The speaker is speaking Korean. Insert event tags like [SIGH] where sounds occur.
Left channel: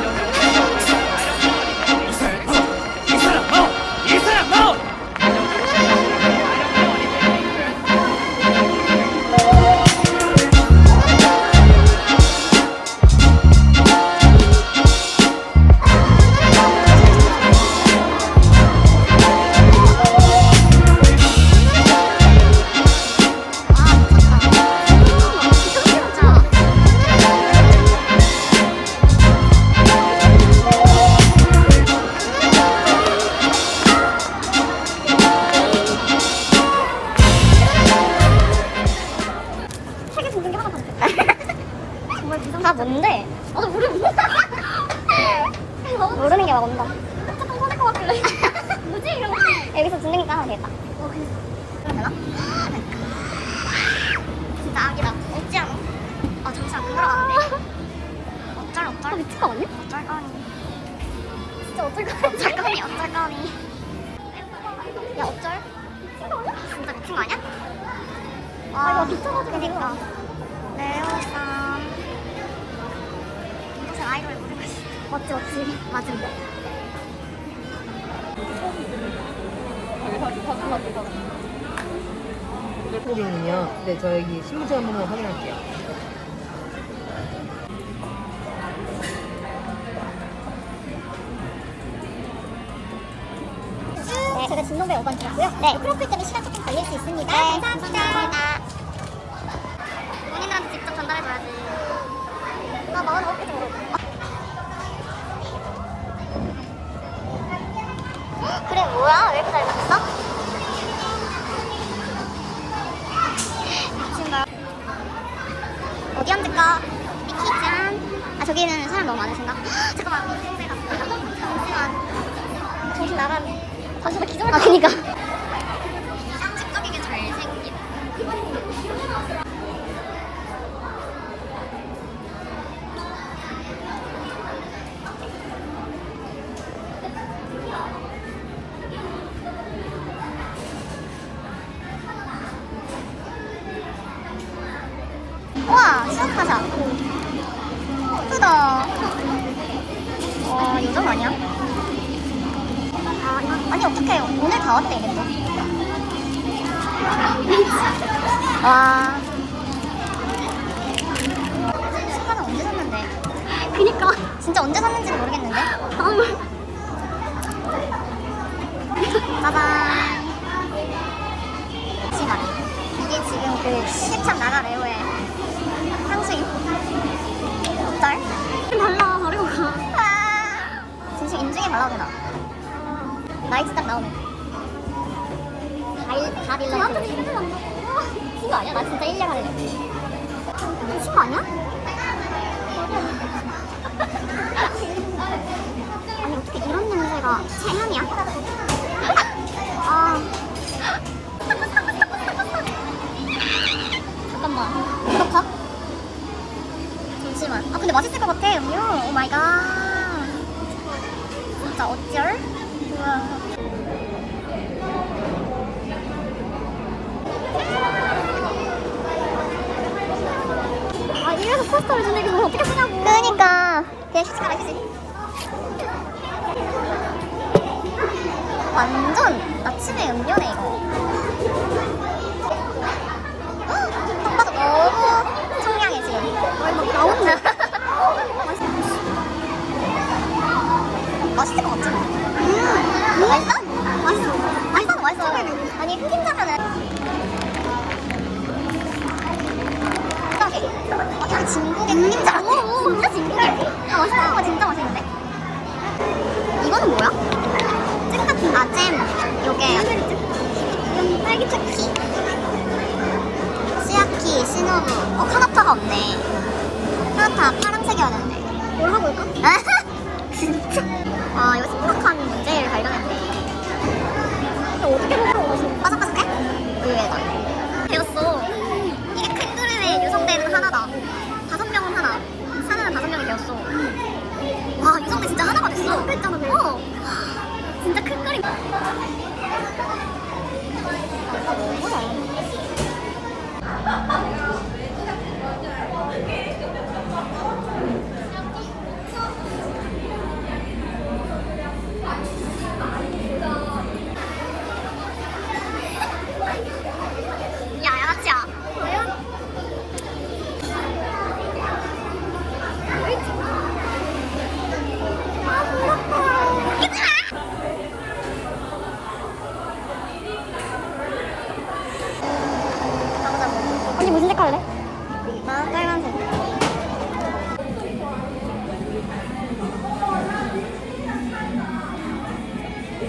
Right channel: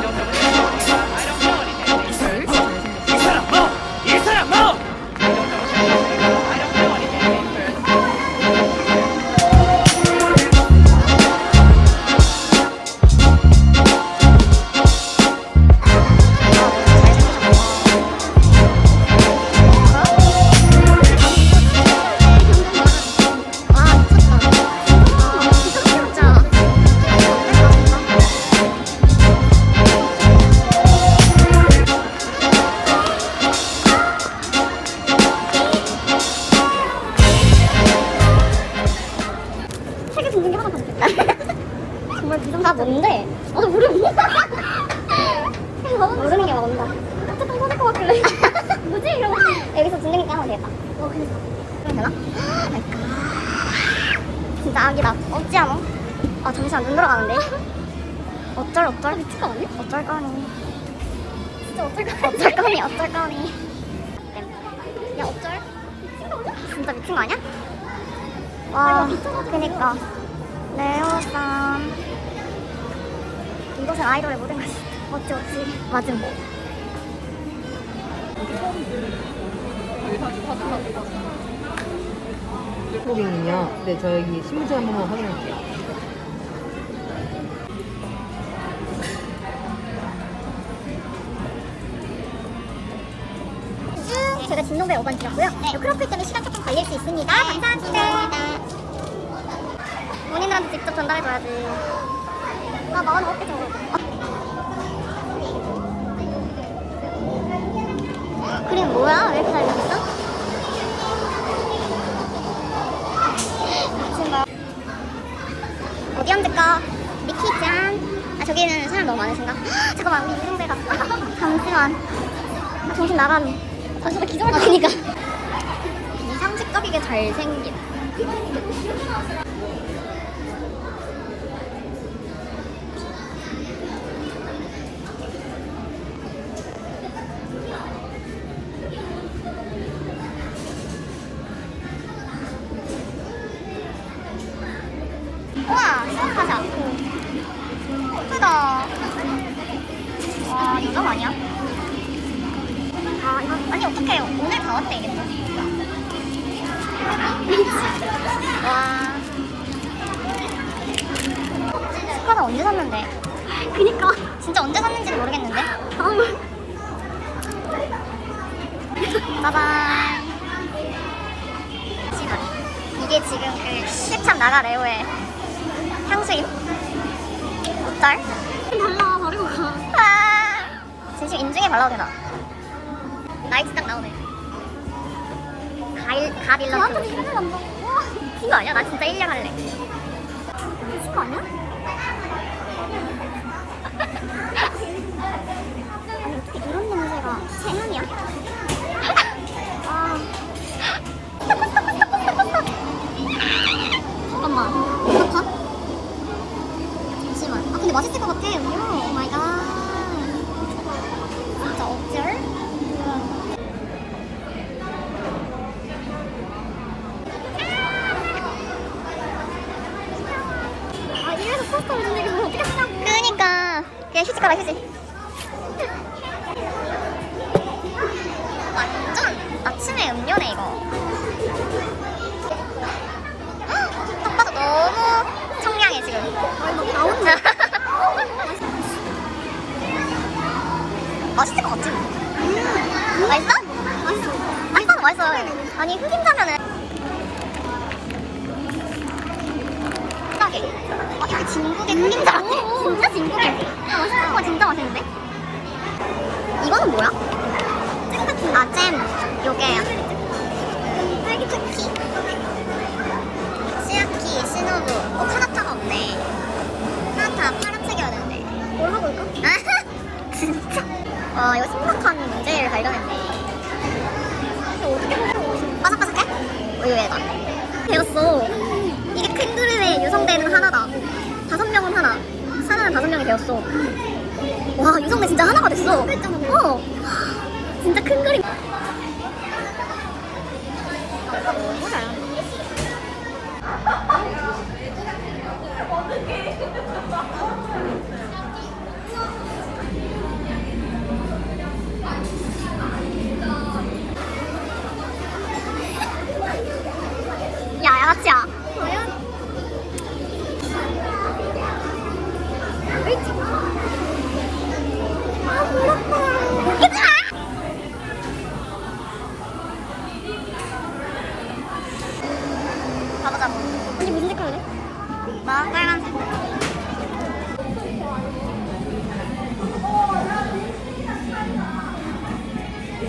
don't know. 아 뭔데? 어 우리 [LAUGHS] 모르는 게 막 온다. 뭐지 이러고 여기서 듣는 거 하면 되겠다. 되나? 진짜 악이다. 없지 않아? 아 잠시만 눈 돌아가는데. 어쩔 어쩔 미친 언니? 어쩔 거니? 진짜 어쩔 거니? 어쩔 거니? 어쩔 거니? 야 어쩔? 진짜 미친 거 아니야? 와 그니까 레오산 이곳은 아이돌의 모든 것이 멋지 멋지? 맞음. 한국인이요? 네, 저 여기 신분증 한 번만 확인할게요. 네, 제가 진로배 5번 드렸고요. 네. 크로스 때문에 시간 조금 걸릴 수 있습니다. 감사합니다. 본인한테 직접 전달해줘야지 어디 앉을까? 미키짱. 아 저기는 사람 너무 많으신가? 헉, [GASPS] 잠깐만 우리 이동배가. [LAUGHS] 잠시만. 정신 나가네 아 진짜 기존 아 그니까. 상식적이게 잘생 긴 우와 시원하지 않고 예쁘다 와 요정 아니야? 아 이거 아니 어떡해 오늘 다 왔대 이게 또 [LAUGHS] 와. 스카는 언제 샀는데? 그니까. 진짜 언제 샀는지도 모르겠는데? 짜잔. 잠시만. 이게 지금 그 실참 나가 레오의 향수임? 어쩔? 발라, 버리고 가. 아. 진심 인중에 발라도 되나? 나이트 딱 나오네. 가일, 가빌런트. 미친 거 아니야? 나 진짜 1년 할래. 거 아니야? [LAUGHS] 아니 어떻게 이런 냄새가 체향이야? 같아 음료. 오 마이 갓. 진짜 어쩔? 우와. 아 이래서 포스터를 주는 게 뭐 어떻게 쓰냐고 그러니까 그냥 휴지 가라 휴지 완전 아침에 음료네 이거 봐도 너무 청량해 지금 아니 막 나오는 [LAUGHS] 맛있을 것 같지? 음, 맛있어? 맛있어 맛있어 맛있어 아니 흑임자면은. 어, 이거 진국의 흑임자 같아. 진짜 진국이야. 아, 맛있다. 와, 진짜 맛있는데? 이거는 뭐야? 잼 같은 아, 잼. 요게. 딸기 쿠키. 시아키, 시노부. 어, 카나타가 없네. 카나타 파란색이어야 되는데. 뭘 하고 올까? [LAUGHS] 진짜? 와, 이거 심각한 문제를 발견했네. 어떻게 먹어? 바삭바삭해? 우유에다. 배웠어. 이게 큰 그릇에 유성대는 하나다. 다섯 명은 하나. 사나는 다섯 명이 되었어. 와, 유성대 진짜 하나가 됐어. 어. 진짜 큰 그림. 가보자고. 언니 무슨 색깔 그래? 나 빨간색.